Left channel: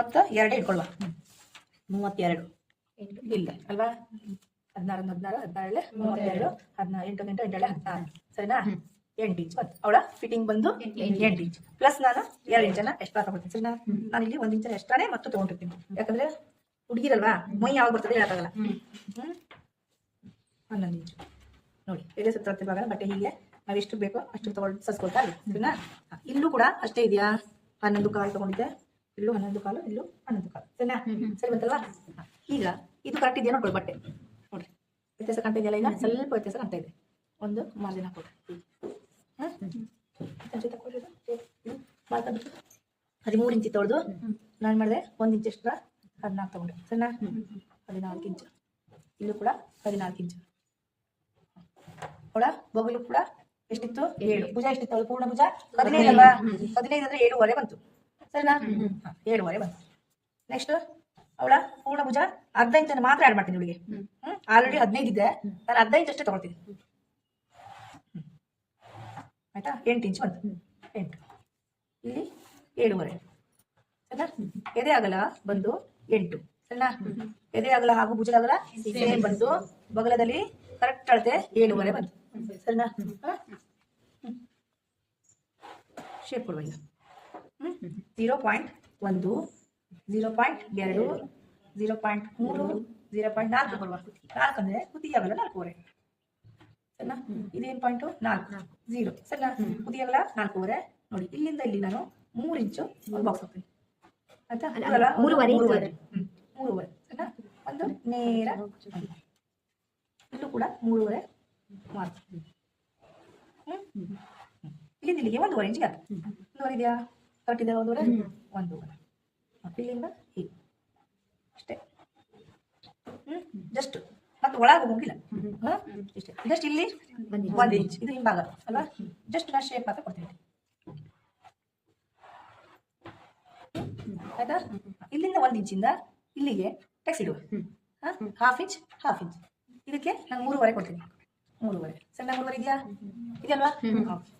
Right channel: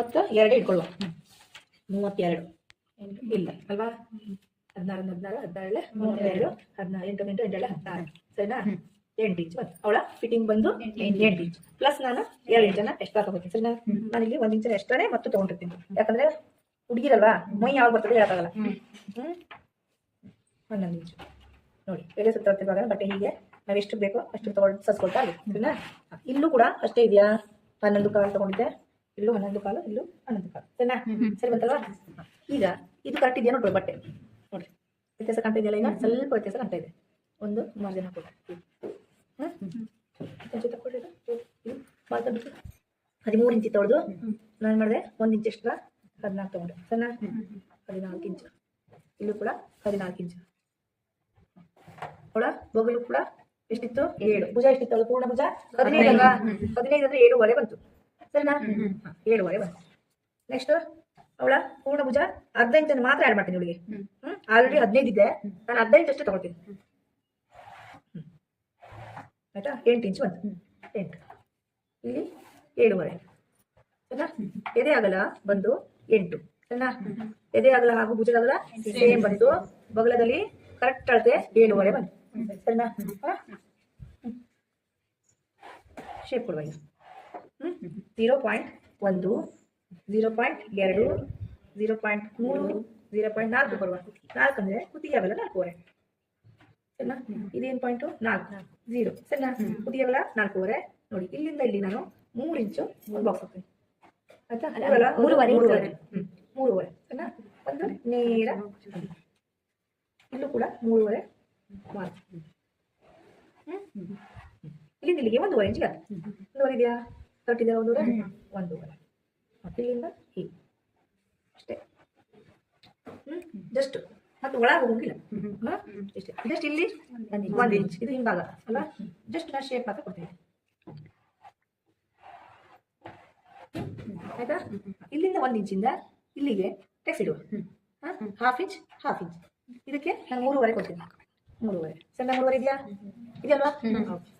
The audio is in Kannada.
ಮೂವತ್ತ ಎರಡು ಇಟ್ಕೊಳ್ಳುವ. ಮೂವತ್ತೆರಡು. ಇಲ್ಲ ಅಲ್ವಾ? ಹದಿನಾರು ಹದಿನಾರು ಹದಿನಾರು ಮೂವತ್ತೆರಡು ಹದಿನಾರು ಎಂಟು ಎಂಟು ಎಂಟೇಳೆ ಹದಿನಾರು. ಸರಿನಾ? ಎಂಟು ಇಂಚು ಅವಳ ಫಿಟ್ಟಿಂಗ್ ಬಂದು ಎಂಟು ಇಂಚು ಪ್ಲಸ್ ನಾನು ಎರಡು ಇಂಚನ ಎಕ್ಸ್ಟ್ರಾ ತಗೋತೀನಿ ಸರಿನಾ? ನಾನು ಇಲ್ಲಿ ಒಂದು ಇಂಚನ ಎಕ್ಸ್ಟ್ರಾನೇ ಮತ್ತು ತಗೊಂಡಿರ್ತೀನಿ. ಯಾಕಂದ್ರೆ ಹುಡುಗಿರಲ್ವಾ? ಮೊಯ್ ಯಾವಾಗ ಬರ್ತದೆ ಹೇಳಕ್ಕಾಗಲ್ಲ. ಹ್ಮ್. ಹನ್ನೊಂದು ಇಂಚು ನೋಡಿ ಎಲೆ ಸುತ್ತ ಬಟ್ಟೆ ಹೀಗೆ ನಾವು ಎಷ್ಟು ಬೇಕೋ ಅಷ್ಟು ತಗೊಂಡು ಸಸ್ಕೊಳ್ತಾ ಅಲ್ಲಿ ಸರಿನಾ? ಇಲ್ಲೂ ಕೂಡ ಅಷ್ಟೇ ಇದೆಯಾ? ಹನ್ನೊಂದು ಕಾಲ್ ತಗೊಂಡಿದ್ದೆ. ಇಲ್ಲೂ ಹನ್ನೊಂದು ಕಾಲು ಇಲ್ಲೂ ಹನ್ನೊಂದು ಕಾಲು. ಸರಿನಾ? ಸರಿ ಬಂತಲ್ವಾ ಈಗ ಇದು ಕರೆಕ್ಟ್ ಇದೆಯಾ ನೋಡ್ಕೊಳ್ಳಿ ಬಟ್ಟೆ. ನೋಡಿ ವ್ಯತ್ಯಾಸ ಕಾಣ್ತಾ ಇದೆಯಲ್ಲ ಈಗ ಸ್ವಲ್ಪ ವ್ಯತ್ಯಾಸ ಕಾಣ್ತಾ ಇದೆ. ಒಂದು ಮಾರ್ಜಿನ್ ಹಾಕೋದು. ಹದಿಮೂರು ಇಂಚಿ ತೊಳೆದು ನಾನು ಮಾಡಿದೆ ಒಂದು ಇಂಚ್ ಎಕ್ಸ್ಟ್ರಾ ಹದಿನಾಲ್ಕು ತೊಗೊಂಡೆ. ಸರಿನಾ? ಹದಿನಾಲ್ಕು ಇಂಚು. ಇಲ್ಲೂ ಕೂಡ ಹದಿನಾಲ್ಕು ಇಂಚು. ಅವಳ ಬೊಗಲು ಕೂಡ ಎಷ್ಟಿತ್ತು? ಏಳು. ಭುಜ ಎಷ್ಟಿತ್ತು ಅವಳು? ಪೂರ್ಣ ಭುಜ? ಹದಿನೈದು. ಹದಿನೈದು ಅಂದ್ರೆ ಏಳುವರೆ ಬಂತು. ಸರಿನಾ ಏಳುವರೆ ಬಂತು. ನೆಕ್ಸ್ಟ್ ಅವಳ ಪೂರ್ಣ ಭುಜ ಹದಿನೈದು ಇಂಚನ್ನು ಮಾತ್ರ ಆಡ್ ಮಾಡ್ತೀನಿ ಇವಳಿಗೆ. ಹ್ಮ್. ಆಲ್ರೆಡಿ ಹದಿನೈದು ಇದೆ ನಾನು ಹದಿನೈದು ಅಷ್ಟೇ ತಗೊಳ್ತೀನಿ. ಆಯ್ತಾ? ಎಂಟು ಇಂಚ್ ಬಂತು. ಎಂಟು. ಇಲ್ಲಿ ಏಳುವರೆ. ಸರಿನಾ ಎದೆ ಆಗಲ್ಲ ಬಂದು ಎಂಟು. ಸರಿನಾ ಎದೆ ಆಗಲ್ಲ ಹಾಗೂ ಭುಜ ಆಗಲ್ಲ ಸೇಮ್ ಬಂತು. ಬಗಲದಲ್ಲಿ ಕರೆಕ್ಟ್ ಅಳತೆ ಏಳುವರೆ ಬಂತು. ಸರಿನಾ ಶೇಪ್ ಕೊಡುವ ಝೀರೋ ಪಾಯಿಂಟ್ ಒಂದು ಝೀರೋ ಪಾಯಿಂಟ್ ಎರಡು ಝೀರೋ ಪಾಯಿಂಟ್ ಮೂರು ಝೀರೋ ಪಾಯಿಂಟ್ ನಾಲ್ಕು ಬರುವ ನಾಲ್ಕು ಅಂದರೆ ಆಗಲ್ಲ ನಾಲ್ಕೂವರೆ ಸರಿನಾ? ಇದೇನು ಪಾಯಿಂಟು ನಾಲ್ಕು. ಝೀರೋ ಸರಿನಾ? ಆಗಲ್ಲ ನಾಲ್ಕೂವರೆ ನೋಡಿ ಇಲ್ಲಿಂದ ಇಲ್ಲಿ ನಾನು ಮೂರು ಇಂಚು ಬಾಕ್ಸ್ ಹಾಕ್ತೀನಿ. ಆಯ್ತಾ? ಮೂರುವರೆ, ಮೂರುವರೆ. ಮೂರುವರೆ. ಸರಿನಾ? ಒಂದು ನೇರ ಇಲ್ಲೂ ಕೂಡ ಮೂರುವರೆ ಮಾರ್ಕ್. ಇಲ್ಲಿಂದ ಇಲ್ಲಿಗೆ ಒಂದೂವರೆ ಇಂಚಿಗೆ ಆಯ್ತು ಒಂದೂವರೆ ಇದೆಯಾ ಕರೆಕ್ಟ್ ಇದೆಯಾ ಒಂದೂವರೆ ಒಂದು ಇಲ್ಲಿಂದ ಹೀಗೆ. ಅಷ್ಟೇ. ಹ್ಮ್. ಜಸ್ಟ್ ಮತ್ತೆ ಒಳಗೆ ಹೋಗಿಲ್ಲ. ಇಷ್ಟೇ. ಜಸ್ಟ್ ಇಲ್ಲಿ ಒಂದು ಇಂಚ್ ಇದು ಹಿಂಭಾಗ. ಅಲ್ವಾ? ಜಸ್ಟ್ ನಾ ಶೇಪ್ ಮಾತ್ರ ಕೊಡ್ತೀನಿ. ಆಯ್ತಾ? ಇಲ್ಲಿಂದ ಒಂದು ಇಂಚಿಂದ ಇಲ್ಲಿಗೆ ಟೆಕ್ಸ್ ಇಡುವ. ಹಾಫ್ ಇಂಚ್ ಹಾಫ್ ಇಂಚ್ ಇದಕ್ಕೆ ನಾನು ಮೂರುವರೆ ಕೊಡ್ತೀನಿ. ಮೂರುವರೆ. ಸಣ್ಣ ಮೂರುವರೆ ಇದೆಯಾ? ಇದೆಯಲ್ವಾ? ಓಕೆ